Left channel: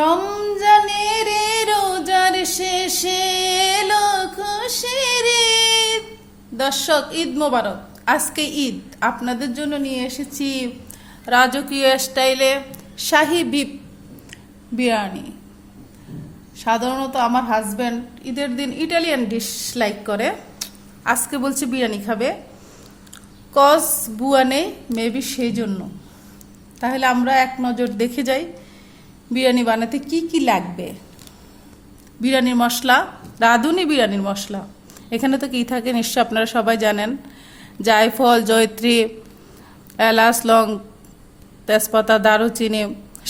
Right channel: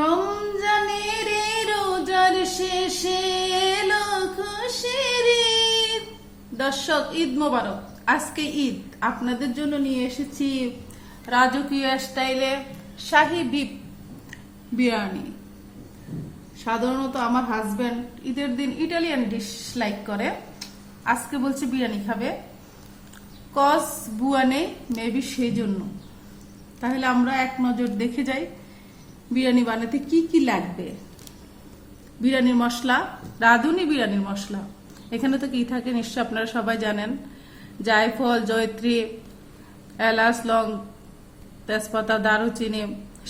রমজানের রোজার শেষে এলো খুশির ঈদ। দর্শক, ঈদ মোবারক। আজকে ঈদ, আপনাদের জন্য নিয়ে এসেছি রাজকীয় স্টাইলে শাহী বিফ বিরিয়ানি। সাধারণত আমার হাজব্যান্ড ঈদের দিন ইটালিয়ান ডিশ লাইক করে, আজকে বলছে বিরিয়ানি খাবে, কজ বুয়া নেই মেবি সেই জন্য। তাহলে আমরা এক নজর দেখে যাই বিরিয়ানি বানাতে কি কি লাগবে। বিরিয়ানির মশলা, রাঁধুনি বিরিয়ানির মশলা। এখানে তো কি থাকে নিশ্চয় আপনারা সবাই জানেন। জায়ফল, জয়ত্রী, এলাচ, লং, তেজপাতা, দারুচিনি,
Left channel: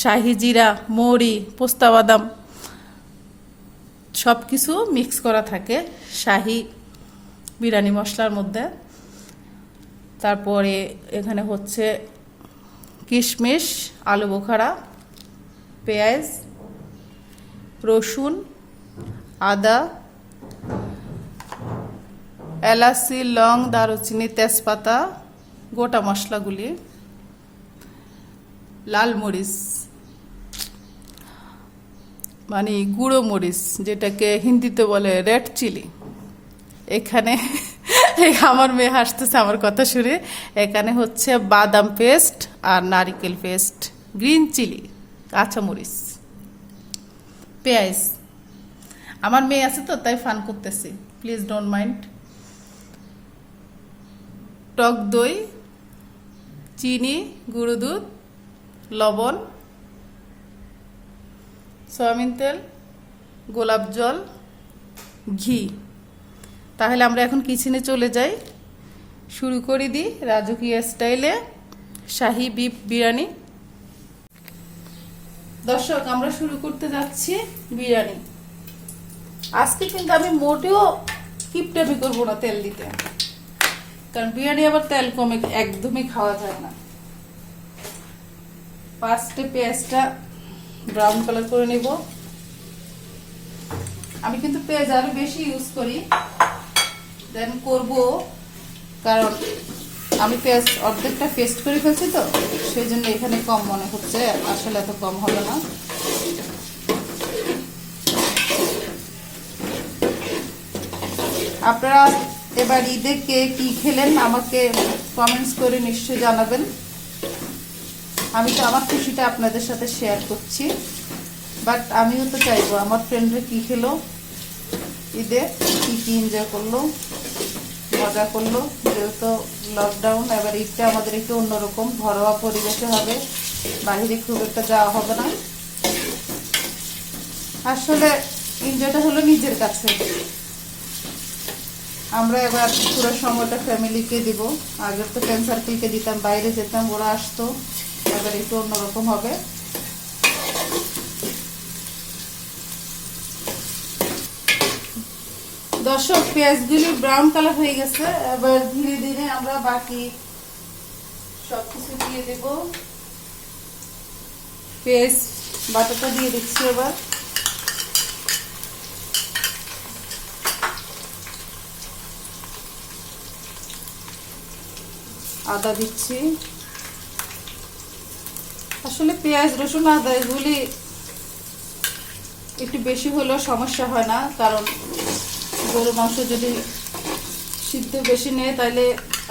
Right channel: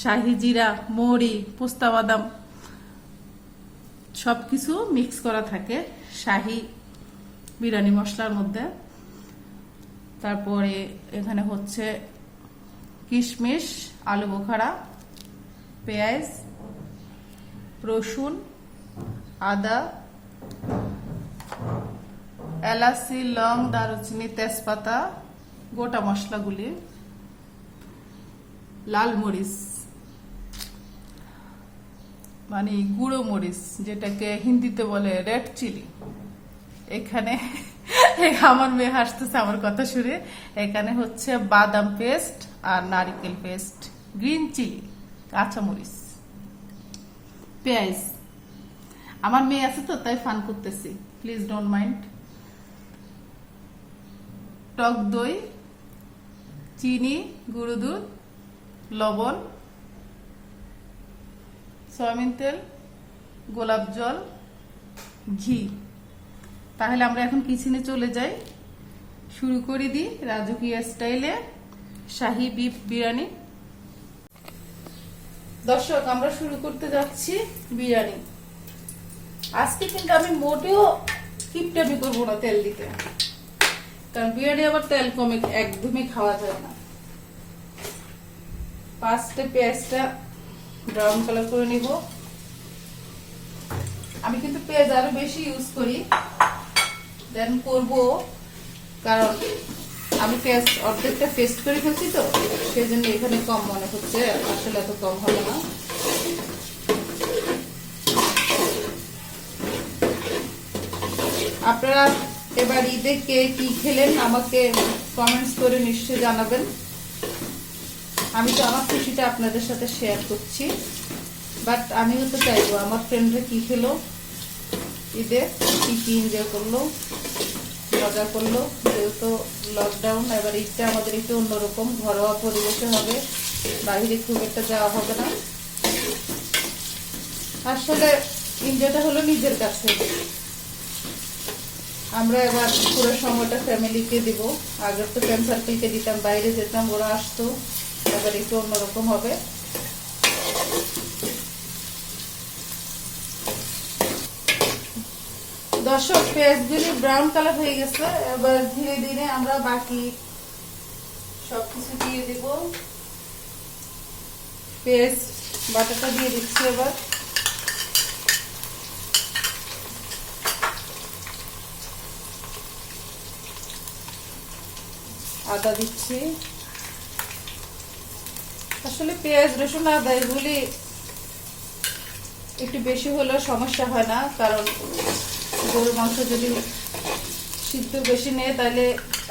শাহি জিরা, মৌরি, পোস্তা বাদাম সব কিছু মিক্স করা থাকে শাহি বিরিয়ানি মশলার মধ্যে। তারপরে এখানে হচ্ছে কিশমিশ, আলু বোখারা, পেঁয়াজ, রসুন, আদা, এলাচি, লং, দারুচিনি, তেজপাতা, গোটা মশলাগুলি, লাল মরিচ মানে গুঁড়ো মরিচ, যেটাকে হিন্দিতে বলে রেড চিলি। এখানে আমার মেয়ে হাসতেছে আমার কথা শুনে। এখানে হচ্ছে বাদাম পেস্ট আর নারিকেল পেস্ট, গ্রিন চিলি, কাঁচামরিচ, পেঁয়াজ। আমার মেয়ে আছে তো তাই ফান করতেছি, প্লিজ ডোন্ট মাইন্ড। টক দই, চিনি, গুঁড়ো দুধ, লবণ, সয়াবিন তেল, গোলাপ জল, ঘি। তাহলে আমরা এখন কিচেনে চলে যাই, শুরু করে দিই রাজকীয় স্টাইলে শাহী বিফ বিরিয়ানি। দর্শক, আমরা শুরু করতে যাচ্ছি বিরিয়ানি। আজকে কিন্তু আমি মোটেও কিপটামি করবো না তেল দিতে, কারণ বিরিয়ানি আবার তেল কমে একদমই খাওয়া যায় না। ফার্স্টে পেঁয়াজটা ব্রাউন কালার করে নিব। আমি কিন্তু পেঁয়াজ আরো বেশি ইউজ করি দেন করব, কারণ আমি পেঁয়াজ অর্ধেকটা পেস্ট করে ফেলছি তো সেই জন্য এখানে কম মনে হচ্ছে, আসলে এত কম হবে না। আপনারা এবার ঈদে কে কি খেলেন আমাকে কমেন্টস করে নিশ্চয়ই জানাবেন। আমি তো আমার খুশিটা আপনাদের সাথে শেয়ার করছি, বাট আমিও তো চাইবো আমার ফ্রেন্ডরা কি খেলো ঈদে, কি কি এনজয় করলো, মজা করলো। যেহেতু লকডাউন, এবার ঈদটা আমাদের একটু অন্যরকম ঘরোয়া পরিবেশে হবে, বাইরে খুব একটা যাওয়া হবে না। আসলে এনজয়টা হলো নিজের কাছে। আমরা এবার পুরো সময়টা ফ্যামিলিকে দিব। আগে তো ফ্রেন্ড সার্কেলকে দিতাম, বাইরে যেতাম, ওরা আসতো, এবার একটু অন্যরকম হবে। দর্শক, পেঁয়াজগুলি ব্রাউন কালার হয়ে গেছে, এবার ধীরে ধীরে আমরা বাকি সবকিছু দিয়ে দেব। পেঁয়াজ বাটাটা দিয়ে দিচ্ছি, এবার আদা দিচ্ছি। আসলে পেঁয়াজ, রসুন, আদা এগুলি একটু বেশি হলেও সমস্যা হয় না, কারণ গরুর মাংস যদি সিদ্ধ বেশি নেয় তাহলে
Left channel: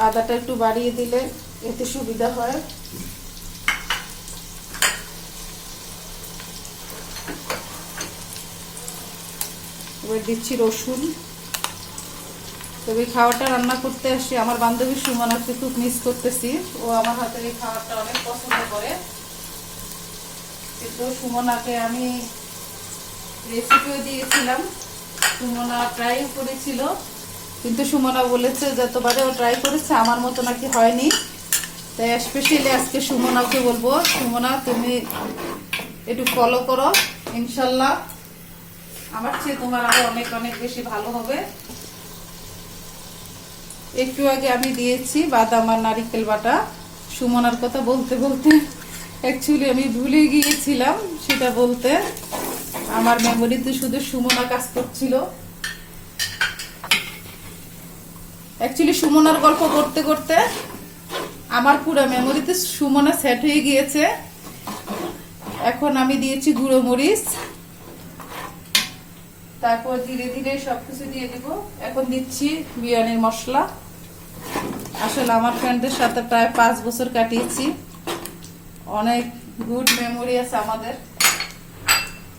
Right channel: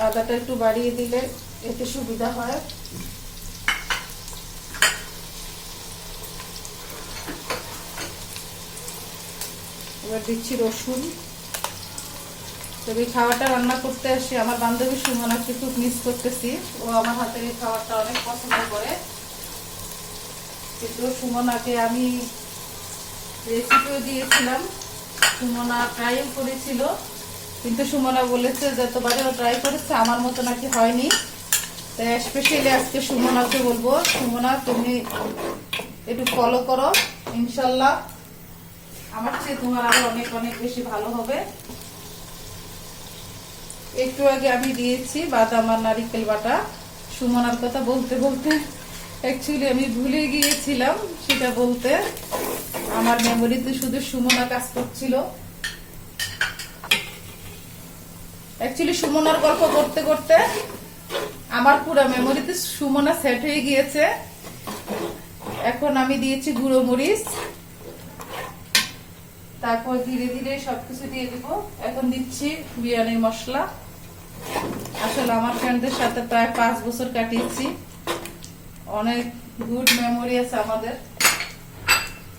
আদাটা একটু বাড়িয়ে দিলে এতে সুবিধা হয়। এবার দিচ্ছি রসুন। তবে খাওয়াটা রান্না করতে আসি আমার বান্ধবী সুমনাকে খুব মিস করতেছি, ও আমার হাতে এই খাওয়াটা অনেক পছন্দ করে। কিন্তু সুমনাকে আমি রেসিপিও দিয়েছিলাম, সুমনা ট্রাই করেছিল, কিন্তু সুমনা বলেছে যতবারে ও ট্রাই করেছে আমার মতো নাকি হয়নি। তাই স্পেশালি আজকে সুমনাকে বলবো, সুমনা তুমি একটু ফলো করো, ইনশাল্লাহ আমার চেয়ে তোমার আরো অনেক অনেক বেশি ভালো হবে। একটু আগে আমি দিয়েছি বাদাম আর নারিকেল বাটা। সুমনার কথা বলতে বলতে অ্যাকচুয়ালি আমি ভুলে গিয়েছিলাম সেটা বলতে, আমার মেমোরিতে শুধু সুমনা কাজ করছিল। অ্যাকচুয়ালি সুমনার গল্প করতে করতে আমার পুরো মেমোরিতে সুমনা সেট হয়ে গিয়েছে। এখন আমি দিয়েছি গুঁড়ো মরিচ, তারপর ধীরে ধীরে সবকিছু দিয়ে দিব। এখন দিচ্ছি বিরিয়ানির মশলা। আসলে আমার ফ্রেন্ডদের সাথে প্রায় 5 বছর কাটিয়েছি, অনেক গুড মেমোরি আছে আমাদের।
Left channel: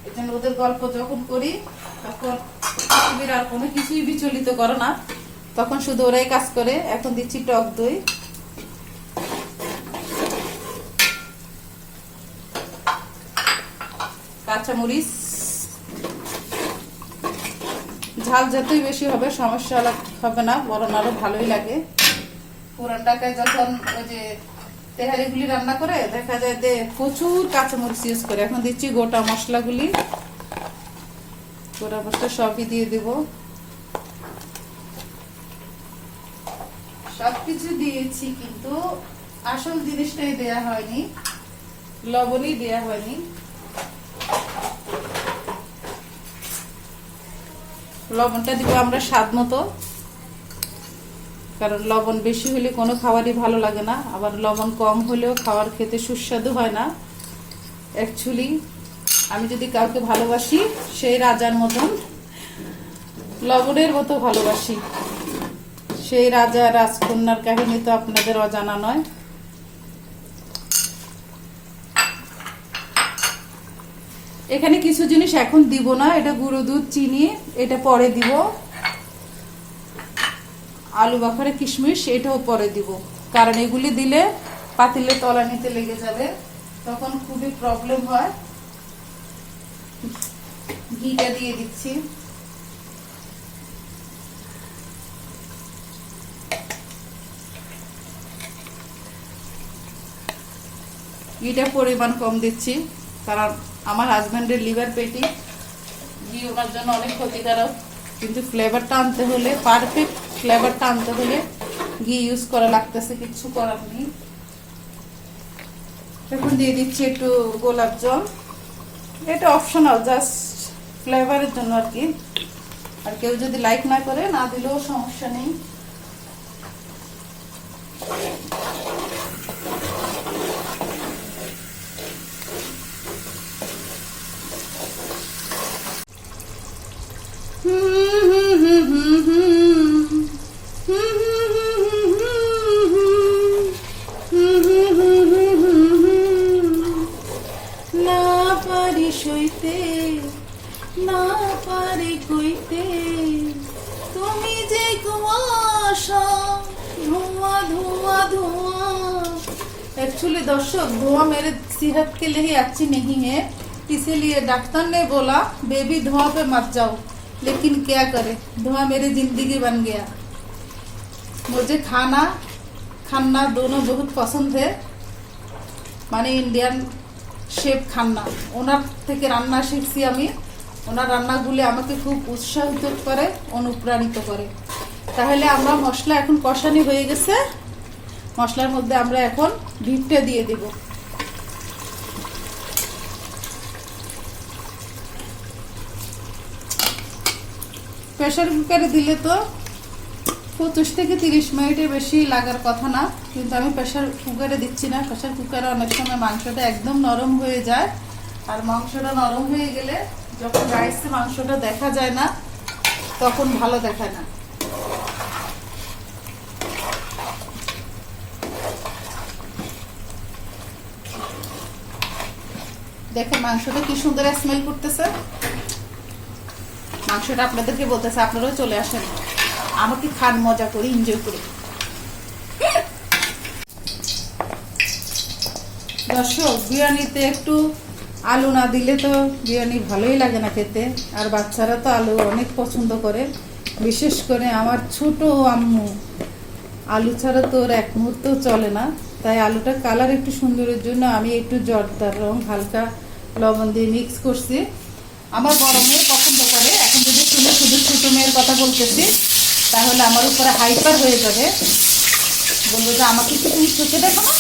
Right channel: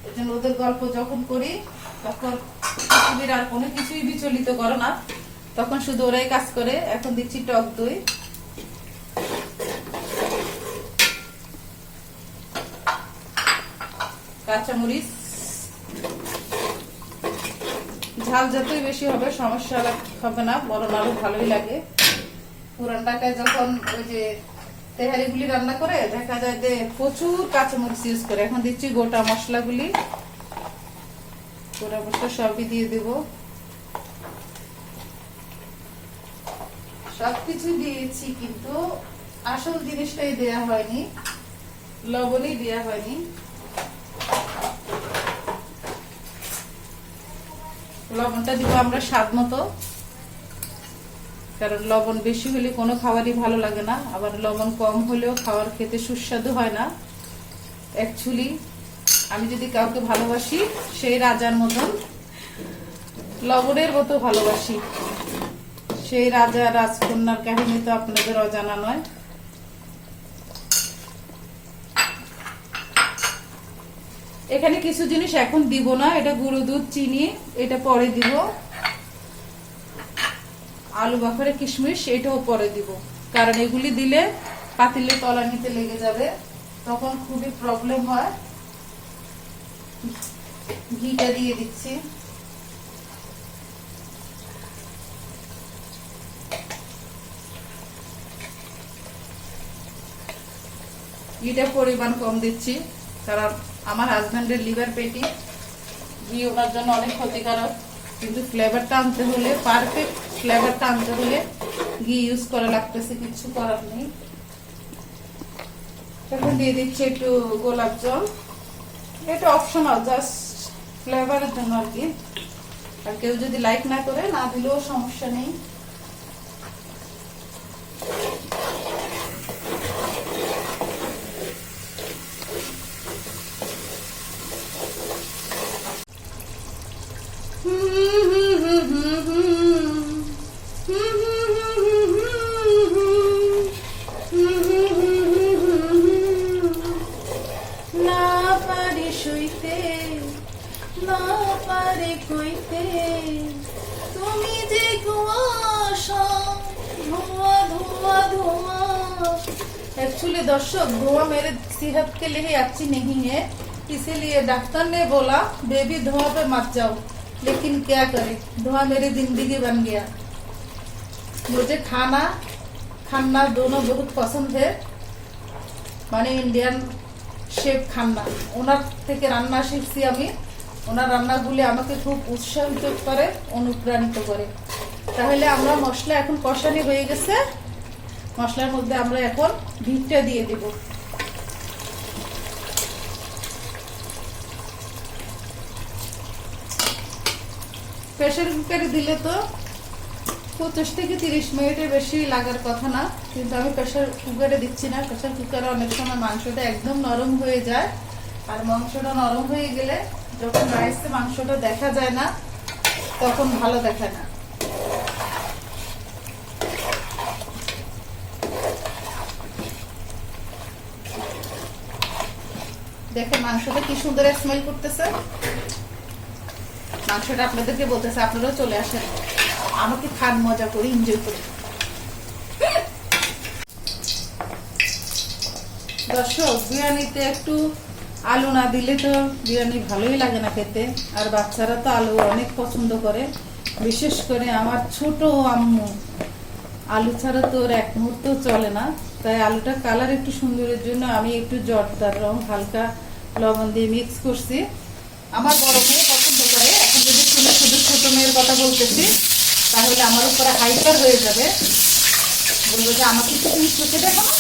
এই জন্য ওদের গল্প যখন করি তখন পৃথিবীর আর কোনো কিছুই বিচলিত করে না, তখন শুধু ওরাই কাজ করে। এখন দিচ্ছি টক দই, কাঁচামরিচ। ঝাল যতই বেশি হবে সমস্যা হবে না, বরং আরো ভালোই লাগে। পুরান ঢাকায় যখন ওই যে তেহারিগুলি রান্না করে দেখা যায় যে প্রচুর কাঁচামরিচ ইউজ করে। এখন দিচ্ছি গোটা মশলাগুলি, গোটা মশলা সবই দিয়ে দিব। সবকিছু দিয়েছি কিন্তু আসল জিনিসটাই দেয়া হয়নি, লবণই দেয়া হয়নি। লবণটা দিব আমরা স্বাদ মতো, কারণ লবণ বেশি হলে কোনো খাবারই ভালো লাগে না, আবার লবণ কম হলেও খাবার খেতে সুস্বাদু হয় না। অ্যাকচুয়ালি আমি যদি কাউকে ভালোবাসি সেই রাজার মতন লবণের মতো ভালোবাসি। সেই রাজা রাজকন্যার কাহিনী তো আপনাদের অজানা নয়। এখানে কিছু জিনিস এখন দিব না, এটা গুঁড়ো দুধ, চিনি, এটা পরে দিব। আলু বাখরে কিশমিশ এটাও পরে দিব, কারণ এগুলি দিলে পাতিলে তলা নিতে লেগে যাবে, তখন খুবই প্রবলেম হয়। ঘিটা দিয়ে দিচ্ছি। ঘিটা পরিমাণ কম দিচ্ছি, কারণ আমার হাজবেন্ডের লিভার পেটি, ঘি ওনার জন্য অনেক ক্ষতিকারক। কিন্তু ফ্লেভারটা আনতে হলে, পারফেক্ট ফ্লেভারটা আনতে হলে ঘি ইউজ করা লাগতেছে, কিছু করার নেই। এখন দিয়ে দিচ্ছি একটু গোলাপ জল, এটা অপশনাল, জাস্ট ফ্লেভারের জন্য আর কি। আর কেউ যদি লাইক না করে না দিলেও সমস্যা নেই। না পারে কইতে তুমি যে কুয়াশা, ধোঁয়া धुआं धुआं। एक्चुअली दर्शक धुआं मेरे सेहत के लिए अच्छी नहीं है, इसीलिए डॉक्टर ने बोला बेबी धुआं पे मत जाओ, लेकिन क्या करे, धुआं मेरी जिंदगी बन गया। मुझे खाना खाना दोनों बहुत पसंद है, মানে ইন্ডিয়ান শেফ খান্না, ওনার থেকে রান্না শিখছি আমি। ওনার রান্নাগুলি আমাকে খুব উৎসাহিত করে, অনুপ্রাণিত করে। তাহলে আমরা মশলা এখন কষানি হয়ে গেছে, মশলার মধ্যে আমরা এখন বিফটা দিয়ে দিব। প্রেসার কুকারে দিলে তো 25 থেকে 30 মিনিটের বেশি লাগার কথা না, কিন্তু আমি প্রেসার কুকারে দিচ্ছি না। প্রেসার কুকারে অনেক সময় মাংসটা একদম নরম হয়ে যায়, আর মাংসটা নরম হয়ে গেলে যখন রাইসে মাংসটা দেখা যায় না, তখন ভালো দেখায় না। দেখে মাংসটা কি সুন্দর স্মেল করতেছে। মাংসটা আপনাদেরকে বলতেছে, আপনারাও চলে আসেন, আমাকে খান, মজা করি, এনজয় করি। দর্শক, বিরিয়ানিতে একটু আলু না দিলে তো বিরিয়ানি ভালোই লাগে না খেতে, আর বাচ্চারা তো আলু অনেক পছন্দ করে, বিশেষ করে আমার ছোট আম্মু আলু ছাড়া তো ওর এক মুহূর্ত চলে না। তাই আলুটা কালার একটু সুন্দরের জন্য আমি একটু জর্দার রং হালকা লবণ দিয়ে মিক্স করছি। আমার বড় মেয়ে পছন্দ করে। এখন যদি শুনে শুধু ছোট মেয়ের কথা বলতেছি, তাহলে আমার উপরে হাইপার হয়ে যাবে, বলবো যে আমাকে কি তুমি খেতে দেখো না।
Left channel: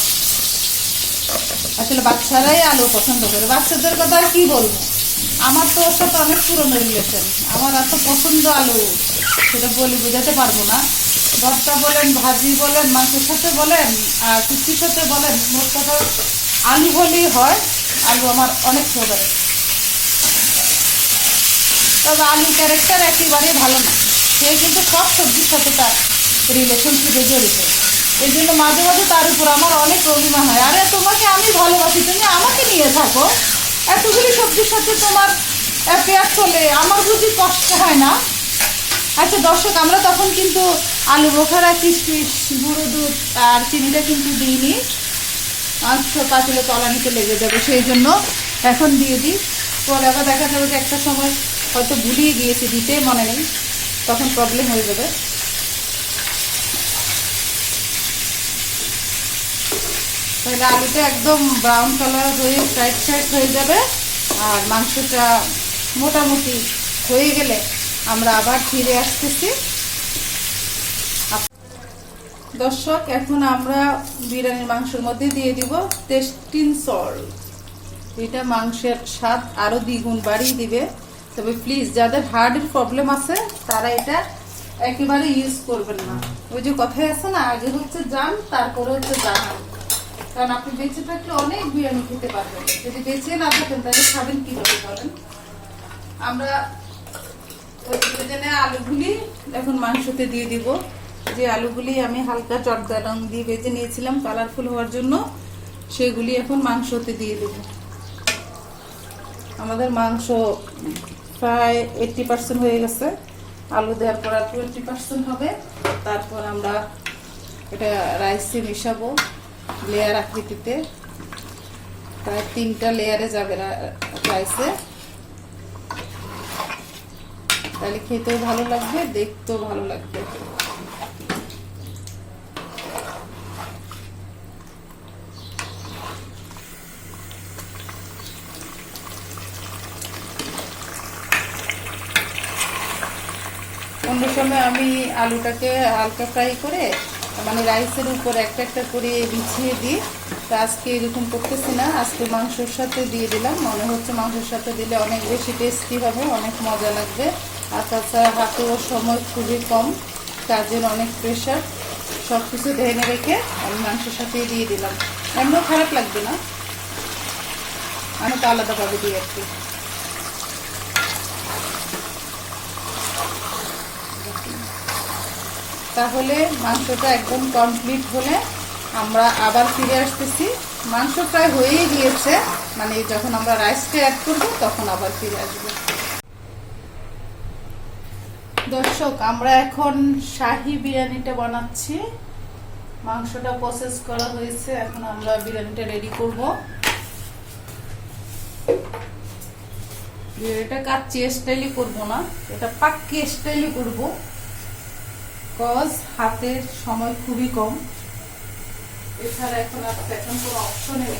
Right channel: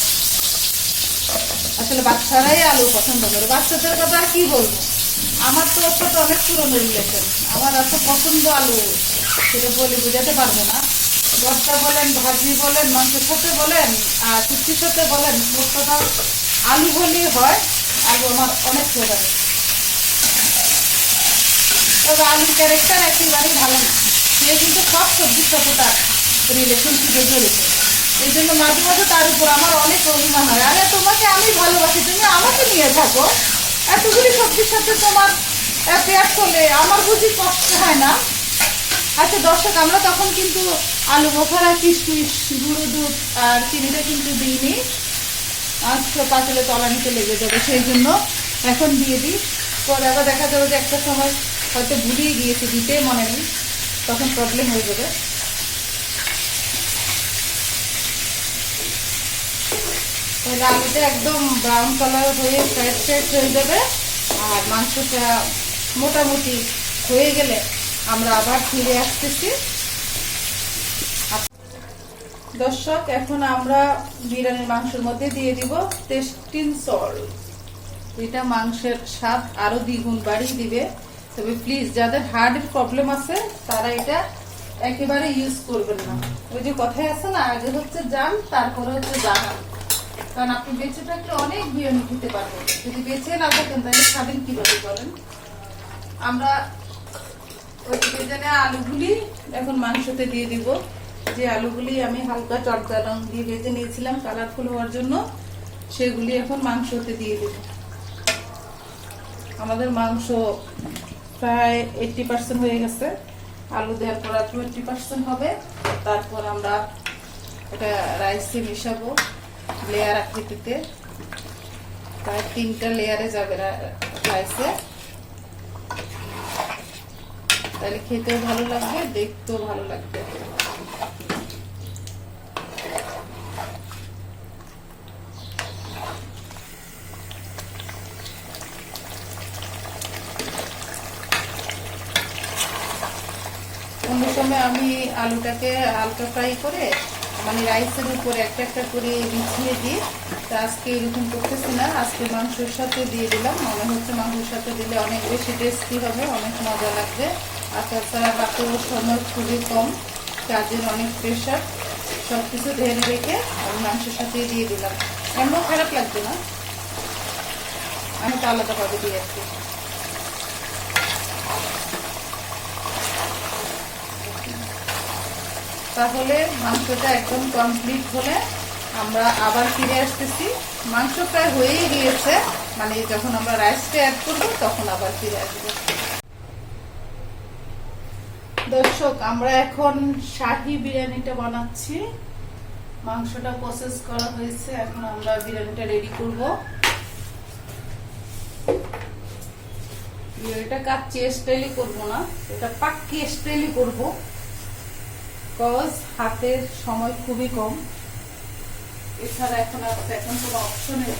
আসলে বাচ্চারাই আলু পছন্দ করে, বাচ্চাদের কথা আর কি বলবো। আমার তো ওর সাথে অনেক পুরনো রিলেশন, আমার এত পছন্দ আলু সেটা বলে বোঝাতে পারবো না। ভর্তা বলেন, ভাজি বলেন, মাংসের সাথে বলেন, আর শুক্তির সাথে বলেন, মোট কথা আলু হলেই হয়। আলু আমার অনেক ফেভারিট। তবে আলুর ক্যারেক্টার একেবারে ভালো না, সে কিন্তু সব সবজির সাথে তার রিলেশনশিপে জড়িত। এই জন্য মাঝে মাঝে তার উপর আমার অনেক অভিমান হয়, আরে তোমাকে আমি ভালোবাসি, তুমি আমাকে নিয়ে থাকো, এতগুলি সবজির সাথে তোমার পেঁয়াজ করলে আমার বুঝি কষ্ট হয় না? আচ্ছা দর্শক, আমরা তখন কিন্তু আলু বোখারা, কিশমিশ, গুঁড়ো দুধ আর চিনিটা কিন্তু দিইনি, মাংস কাটলে তলানিতে লেগে যাবে, সেই জন্য এখন দিয়ে দিই। পরে আবার দেখা যাবে যে একটা সময় হয়তো ভুলিয়ে গিয়েছি দিতে, মনে নেই, তখন প্রবলেম হয়ে যাবে। তাহলে আলুটা একদম ব্রাউন কালার হয়ে ফ্রাইড ফ্রাইড হয়ে যাবে, আর মাংসটা মোটামুটি হয়ে গেলে আমরা আবার ফিরে আসতেছি। দর্শক, এখন আমরা বিরিয়ানির মাংসের মধ্যে দিয়ে দিব টেস্টিং সল্ট। এটা মাংসের স্বাদ আরো দ্বিগুণ বাড়িয়ে দিবে। তবে প্লিজ যাদের হার্টের প্রবলেম আছে তারা এটা একেবারে ইউজ করবেন না। ওই যে কথাই আছে না, আগে হচ্ছে জান তারপরে হচ্ছে জাহান। কারণ আপনি বেঁচে থাকলে অনেক বিরিয়ানি খেতে পারবেন, যদি বেঁচে না থাকেন তাহলে খাবেন কিভাবে বলেন? আমরা আলুগুলি এখন মাংসতে দিয়ে দিব। যে আলুগুলি আমি হালকা চটকা রং দিয়ে ভেজে নিয়েছিলাম কালারফুল হওয়ার জন্য, সেগুলি এখন মাংসতে দিয়ে দেব। আমাদের মাংস প্রায় 80% হয়ে গেছে, আলু দেওয়ার পর 20% হবে। তারপর আমরা এটা রাইসে মিশাবো লেয়ার আকৃতিতে, প্রায় 3টা লেয়ারে যাবে রাইসে। তাহলে খেতেও ভালো লাগবে, দেখতেও ভালো লাগবে। অন্য সময় আমি আলুটাকে হালকা ফ্রাই করে মানে রাইসের উপর একটা একটা করে বিছিয়ে দিই, তো আজকে এরকম করতেছি না, আজকে মাংসের সাথে দিয়ে দিলাম। মনে হচ্ছে মাংসের সাথে দিলে অনেক বেশি টেস্টি হবে, অনেক মজা লাগবে। আর তাছাড়া হাতেও সময় খুবই কম, কাজের অনেক প্রেশার, সব কিছু ঢেলে রেখে আমি মাংসের সাথে দিয়ে দিলাম। এমনও খারাপ লাগবে না, আমি তো আলাদাভাবে দিয়ে আর কি। তাহলে মাংসটা একদম কমপ্লিট হলে আমরা আবার ফিরে আসতেছি। মাংস প্রায় হয়েই গিয়েছে, মানে যখন আমরা রাইসটা অ্যাড করবো তখন আবার ফিরে আসবো। দর্শক, আমরা এখন শাহী বিরিয়ানিটা বানাচ্ছি। মাংসটা প্রসেস করা হয়েছে, এখন আমরা বিরিয়ানিটা রেডি করব। এটা কাচ্চি স্টাইলে করবো না, এটা পাক্কি স্টাইলে করবো, কজ হাতের সময় খুবই কম। এছাড়া এখন কোনো অপশন নেই।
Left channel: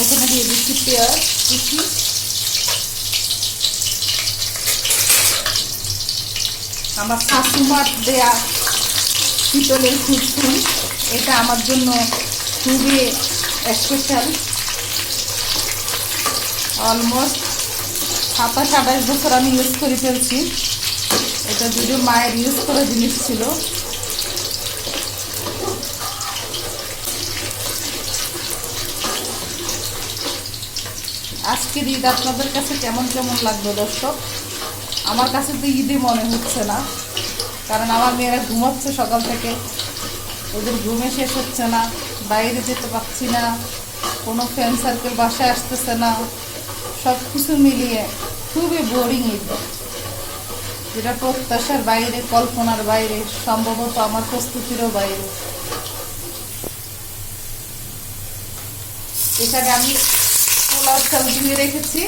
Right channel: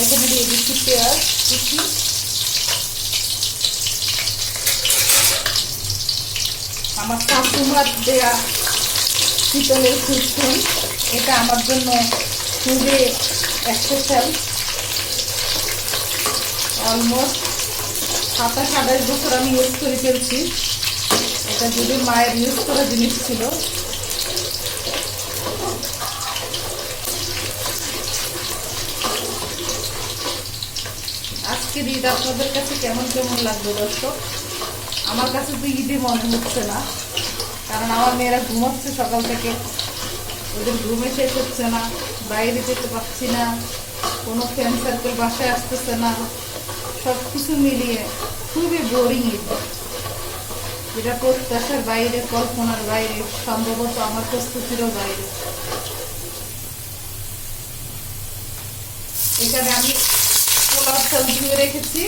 এখানে দিয়ে দিচ্ছি পেঁয়াজ কুচি, আমার শাশুমার দেয়া পিতলের খুচুন, এটা আমার জন্য খুবই স্পেশাল। অলমোস্ট 27-28 বছর আমি ইউজ করে ফেলছি। এটা যদি মায়ের ইউজ করা জিনিস ছিল। আজকের ঈদ আপনাদের কাছে কেমন কেমন লাগবে দর্শক? আমার কাছে তো ঈদই মনে হচ্ছে না, কারণ আমার মেয়েরা ঘুমাচ্ছে সকাল থেকে, ওদের ঘুমে শেষ হচ্ছে না, বাইরে যেতে পারছি না, কোনো ফ্রেন্ড সার্কেল বাসায় আসতেছে না, সব কিছু মিলিয়ে খুবই বোরিং ঈদ, যেটা প্রত্যাশার বাইরে, কল্পনার বাইরে, সম্ভবত আমার প্রস্তুতিরও বাইরে। এখানে আমি পোলাও চাল ধুয়ে রেখেছি।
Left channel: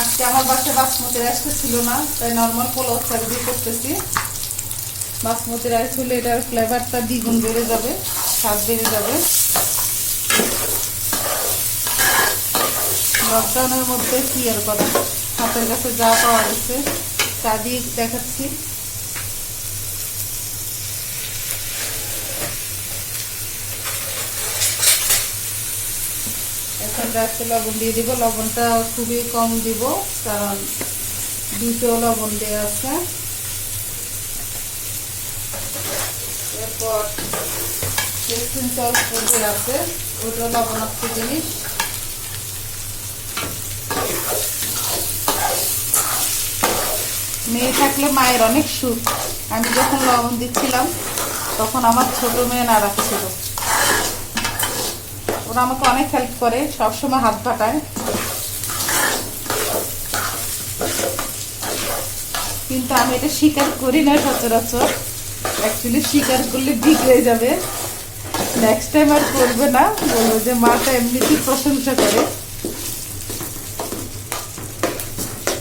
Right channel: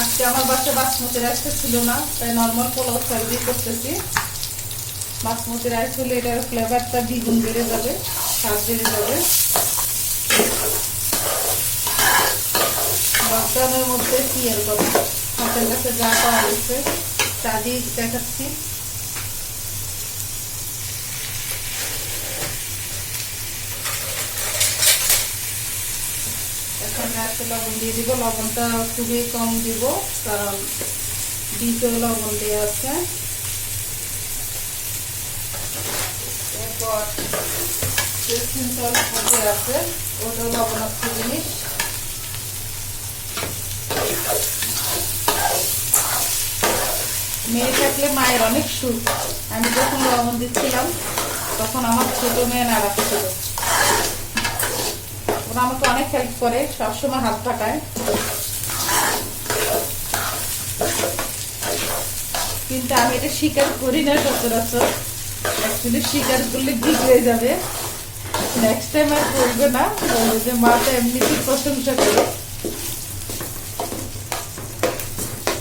আজকে আমার বাসায় বাসমতি রাইসটা ছিল না, তাই নর্মাল পোলাও চাল দিয়ে করতেছি। বাসমতি রাইস হলে এটার ফ্লেভারটা দ্বিগুণ বেড়ে যাবে, স্বাদ বেড়ে যাবে। লকডাউনের মধ্যে কি আর কথা, হাতের কাছে যা পাওয়া গেছে তা দিয়ে দেখাচ্ছি। এখন রাইসে লবণ দিয়ে দিব, লবণটা খুবই কম দিব কারণ দ্বিতীয় লবণ দেওয়া আছে। এরপর টেস্টিং সস আছে, ওটা লবণাক্ত জিনিস। মেয়ে থাকলে মায়ের অনেক সুখ। আমি যখন লবণ দিচ্ছিলাম তখন আমার ছোট মেয়ে নাড়াতে ছিল, ওরা আমাকে অনেক হেল্প করে, সবসময় হাত পাঠায়। কিন্তু আমি এটা স্বীকার করি না সচরাচর, অ্যাকচুয়ালি স্বীকার করলে ঠিক হয়ে যাবে, নেক্সট টাইম আর করবে না, বলবো যে মাটা এমনিতেই প্রশংসা করে।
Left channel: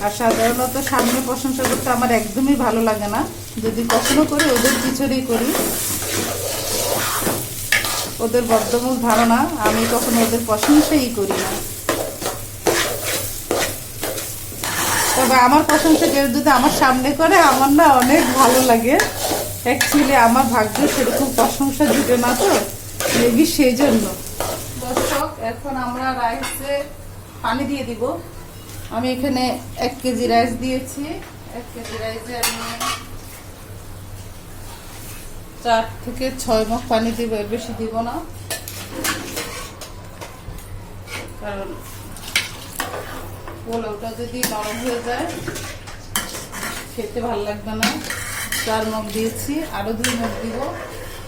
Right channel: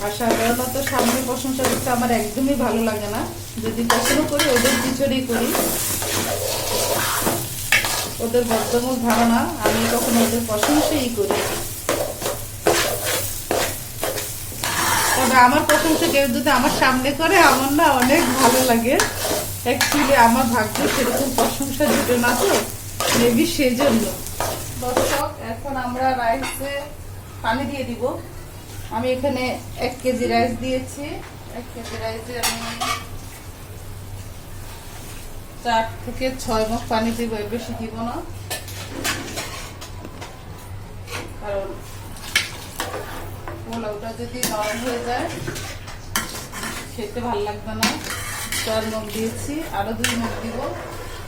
আর সাধারণত সামনে প্রশংসা করতে আমার একদমই ভালো লাগে না, যদি পছন্দ করি ওদের পিছনেই করি। ওদের বদ্ধমূল ধারণা আমি কখনো ওদের প্রশংসাই করি না। তবে আমার প্রশংসা কেউ যদি আমার সামনে করে আমার না অনেক ভালো লাগে। অ্যাকচুয়ালি আমার ভাগ্য সেরকম প্রশংসা দিবে না, তো মেবি সেই জন্য। দর্শক, এখন আমরা রাইসে পানি দিয়ে দিব। আমি এখানে 1 কেজি রাইস দিয়েছি। 1 কেজি রাইসে আমি 4 থেকে 6 মগ পানি দিব, এর বেশি দিব না, কারণ পোলাওটা যদি নরম হয়ে যায় খেতে ভালো লাগবে না। 4 মগ দিয়েছি, আরো 2 মগ দিব,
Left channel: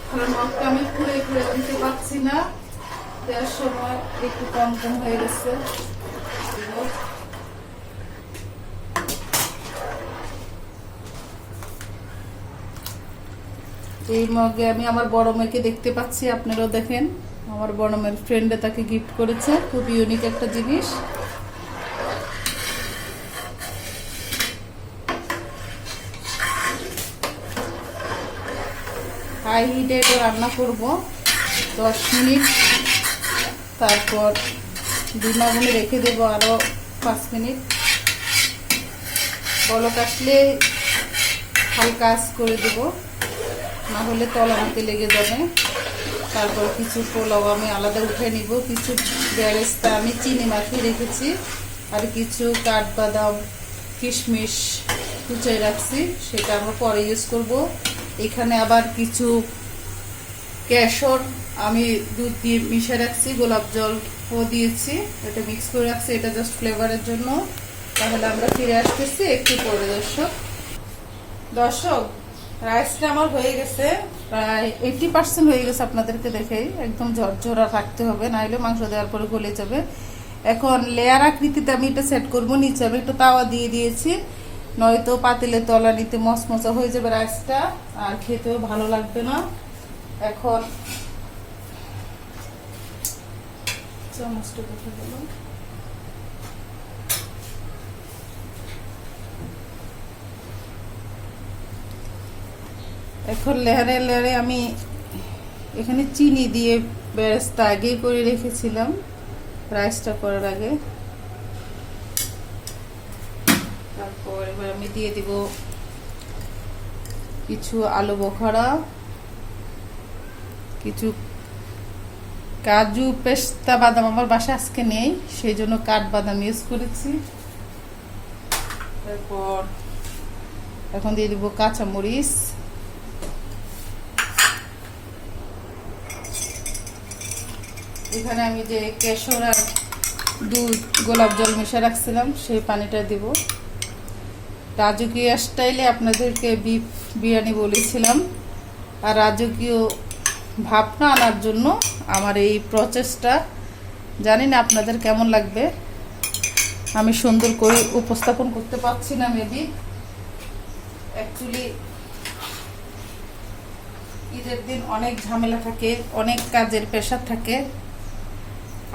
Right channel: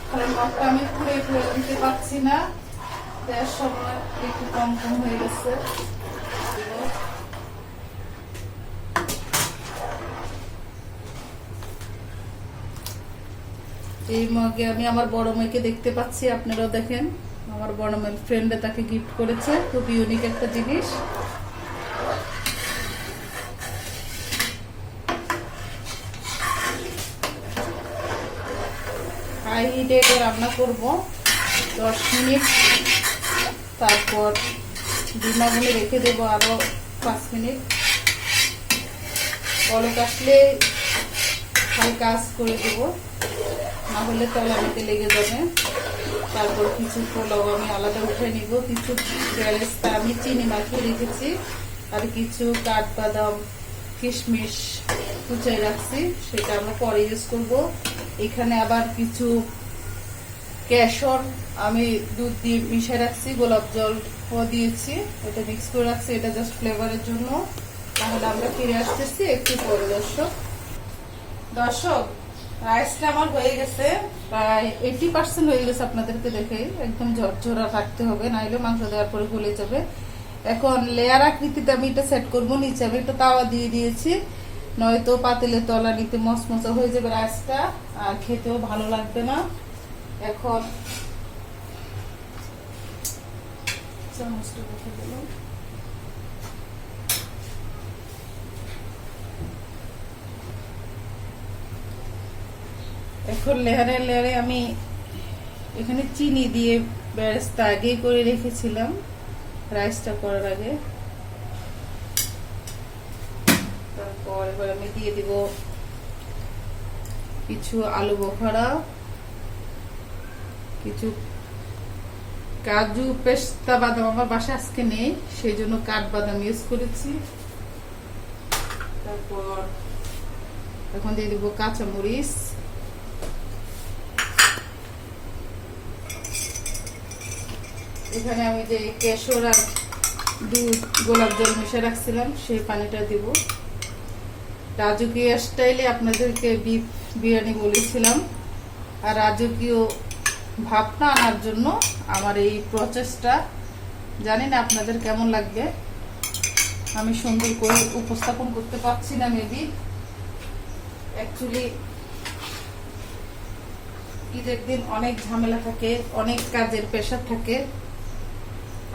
কারণ মগটা আমি খুঁড়ে দিতে পারছি না, দেওয়ার সময় একটু কম হয়ে গেছে। এই মগে আমি আমার বড় মেয়েকে দেখতে পাচ্ছি, আপনারাও দেখেন। আমার বড় মেয়ের ফ্রেন্ডে তাকে গিফট করেছে, খুব ইউনিক একটা জিনিস। হাই হিটে রান্না করব 10 মিনিট, তারপর ডিমাগুলো রেখে দেবো আরো 5 মিনিট। বলক আসলে হালকা আঁচ করে দেবো, না হলে তলানিতে লেগে যাবে। তারপর কিছু পোলাও আমি আলাদা উঠে নিব, কিছু বেরেস্তা আমি চিনি মাখিয়ে রেখেছি, আর কিছু কাঠবাদাম কিশমিশ কুচিয়ে রাখছি, সেটা আমরা পরে ইউজ করব। এখানে আবার কিছু কেশর আমি দুধ দিয়ে মিশিয়ে রাখছি, গোলাপ জলও দিয়েছি, এটা মিক্স করে রাখছি, এটা জাস্ট ফ্লেভারের জন্য। তাহলে আমরা ফিরে আসতেছি একটু পরে। দর্শক, রাইসটা আমার হয়ে গেছে, প্রায় 80% হয়ে গেছে। আপনাদেরকে দেখে একদম ঝরঝরা রাখতে হবে, নাহলে মাংস দেওয়ার পরে গলে যাবে। এখন লেয়ার আকৃতিতে আমি এটা সেট করবো। নিচে আমি একটা তাওয়া দিয়ে দিয়েছি, নয়তো পাতিলে তলানিতে মচমচা হয়ে যাবে রাইসটা, আর খেতেও ভালো লাগবে না। এখন চামচটা কোথায় গেল? এখন লেয়ারে লেয়ারে আমি এখানে চিনি দিয়ে বেরেস্তা আগে করে রেখেছিলাম রাইসটা করার আগে। তারপর এবার আমি দিয়ে দিব কিছু আলু বোখারা, কিছু কাজু পেস্তা বাদাম আমার বাসায় আজকে নেই, সেই জন্য কাঠবাদাম ইউজ করেছি। তারপর এখন দিয়ে দিব কাঁচামরিচ, এখানে আমি যে কেশর আর দুধ গোলাপ জল মিশিয়ে রাখছিলাম সেই পানিটা দিব। রাজকীয় স্টাইলে আপনাদেরকে বিফ বিরিয়ানি বলেছিলাম, আর রাজকীয় ভাবনা আনার জন্য আমার এই প্রচেষ্টা। জানি না আপনাদের কেমন লাগবে, আমি সুন্দর করে উপস্থাপন করতে পারছি না মেবি। অ্যাকচুয়ালি ঈদের দিন অনেক ঝামেলা থাকে, অনেক কাজের প্রেশার থাকে,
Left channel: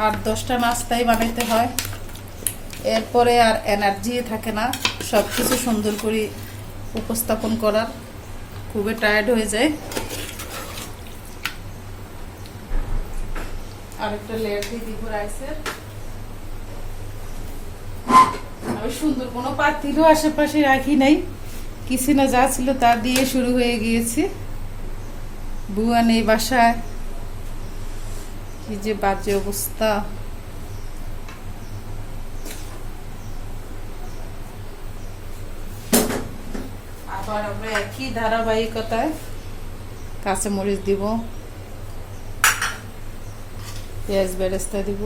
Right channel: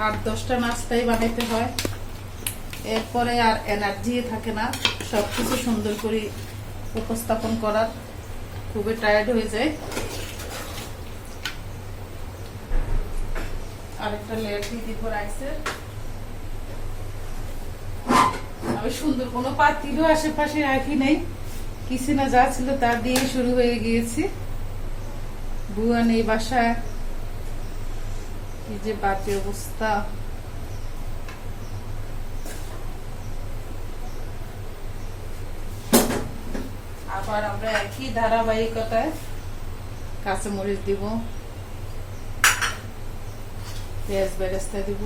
আর 10টা নাস্তাই বানাইতে হয়, এরপরে আর এনার্জি থাকে না সবকিছু সুন্দর করে উপস্থাপন করার, খুবই টায়ার্ড হয়ে যায়। আরেকটা লেয়ার দিয়ে দিব রাইসের। আমি সুন্দর কোনো পাতিলও আশেপাশে রাখি নাই, কিচেনে যা ছিল তা দিয়ে শুরু হয়ে গিয়েছি। বুয়া নেই বাসায়, এই যে বাজে অবস্থা। আবার আমরা একই ধারাবাহিকতায় কাঁচামরিচ দিব, পেঁয়াজ বেরেস্তা দিব,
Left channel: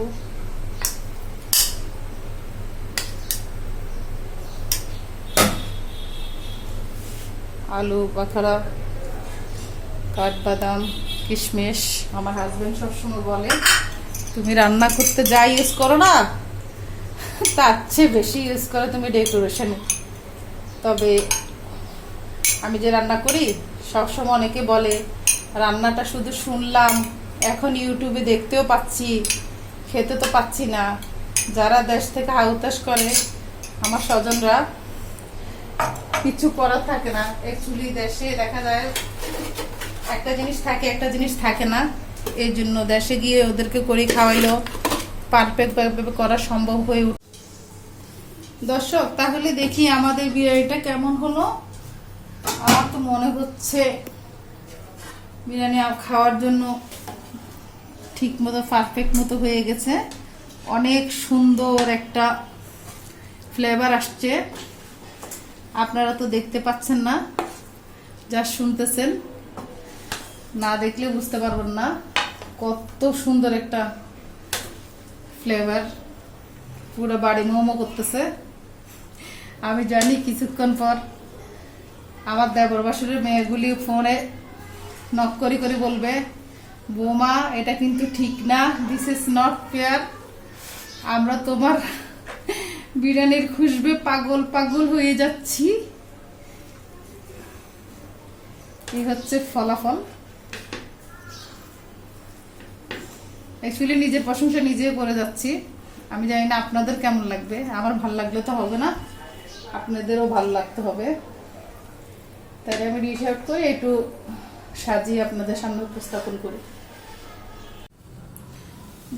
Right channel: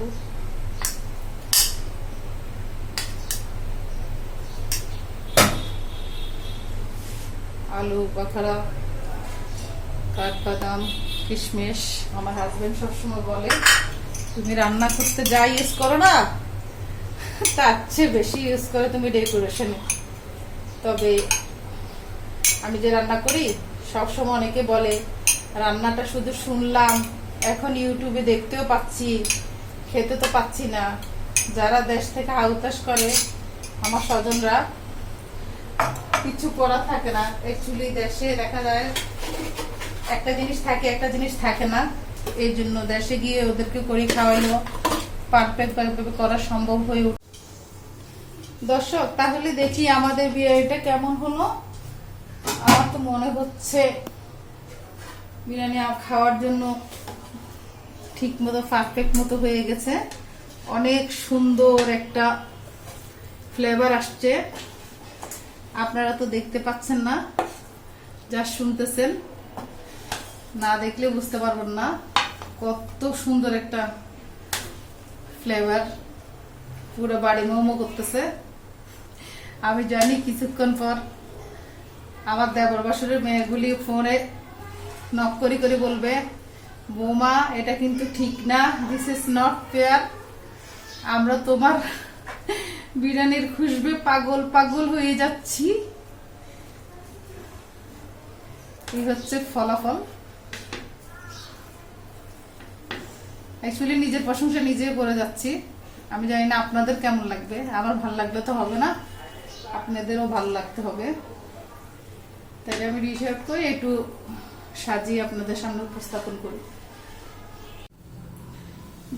আলু বাখারা, কাঠবাদাম, কিশমিশ। আমার হাজবেন্ড সবসময় বলে তুমি রান্না করতে যা ইউজ করো না তার চেয়ে বেশি ইউজ করে তুমি ডেকোরেশনে। তবে আমি যে রান্না করি সবসময় অনেকে বলে রান্নাটা শুধু শুনলাম, এখন ইউটিউবে দেখতেও পাচ্ছি, খেতে তো পাচ্ছি না। যারা দেশ থেকে আউতাস করে আমার স্বজনরা, কিছু করার থাকে না। অ্যাকচুয়ালি দেশে দেখা যায় একটা জিনিস থাকে, একটা জিনিস থাকে না। এই জন্য দেশে গিয়ে ওদেরকে করে খাওয়াইলো পারফেক্ট ভাবে করা সম্ভব হয়ে উঠে। দর্শক, তাহলে দেখি আমাদের বিরিয়ানিটা কেমন হলো। আমার তো মনে হচ্ছে বিরিয়ানি খাওয়ার জন্য ঠিক মতো পারফেক্ট মতো হয়ে গেছে। অনেক সুন্দর একটা ফ্লেভার আসছে। আপনারা তো দেখতে পাচ্ছেন না, যা শুনতেছেন, না দেখলে বুঝতে পারবেন না কত সুন্দর একটা ফ্লেভার। পুরো বাড়ি মোমো করতেছে। আমি জানি কিছুক্ষণ পর আমার দেবর বাসুরের মেয়েগুলি ফোনে নক করে করে বলবে, বৌমা এটা কিন্তু ঠিক না, দিস ইজ নট ফেয়ার। আমরা তোমার বিরিয়ানির খুশবে পাগল পাগল হয়ে যাচ্ছি। এই হচ্ছে ফলাফল। অ্যাকচুয়ালি নিজের প্রশংসা নিজে করে যাচ্ছি। আমি জানি না আপনাদের কেমন লাগবে। আমার ভালো লাগলে তো হবে না, আপনাদেরও ভালো লাগতে হবে। তাই আমি রিসার্চ করে একটু সাজিয়ে আপনাদের সামনে উপস্থাপন করি।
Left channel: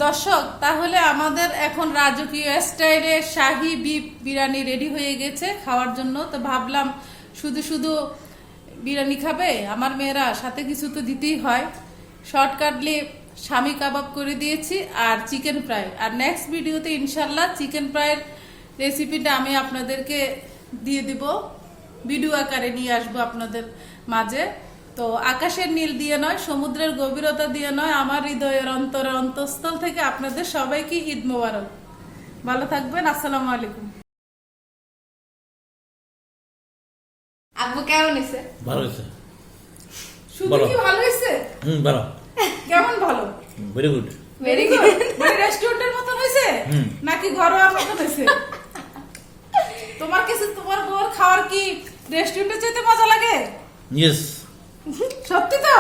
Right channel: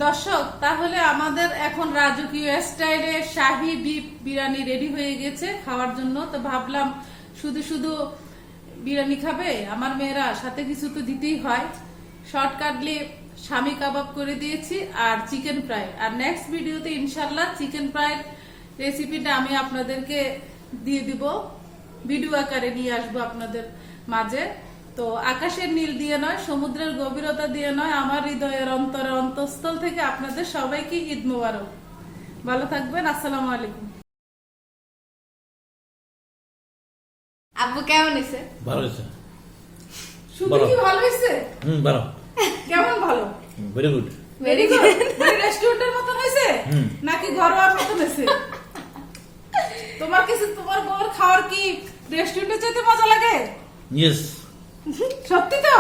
দর্শক, তাহলে আমাদের এখন রাজকীয় স্টাইলে শাহী বিফ বিরিয়ানি রেডি হয়ে গেছে খাওয়ার জন্য। তো ভাবলাম শুধু শুধু বিরিয়ানি খাবে আমার মেয়েরা, সাথে কিছু তো দিতেই হয়। শর্টকাটলি স্বামী কাবাব করে দিয়েছি আর চিকেন ফ্রাই। আর নেক্সট ভিডিওতে ইনশাল্লাহ চিকেন ফ্রাইয়ের রেসিপিটা আমি আপনাদেরকে দিয়ে দিব, ভিডিও আকারে নিয়ে আসবো আপনাদের মাঝে। তো আকাশের নীল দিয়ে নয়, সমুদ্রের গভীরতা দিয়ে নয়, আমার হৃদয়ের অন্তঃস্থল থেকে আপনাদের সবাইকে ঈদ মোবারক। ভালো থাকবেন। আসসালামু আলাইকুম। আব্বু কেমন হয়েছে? ভালো হয়েছে। শুধু কি ভালো হয়েছে? ভালো। কেমন ভালো? Very good. Very good. রেস্টুরেন্টের মতো হয়েছে নাকি ঘরোয়া মতো হয়েছে? তোমার কাছে তোমার বউর খাওয়ার কি রেস্টুরেন্টে যেতে মজা লাগে? ইয়েস। সত্যি তো?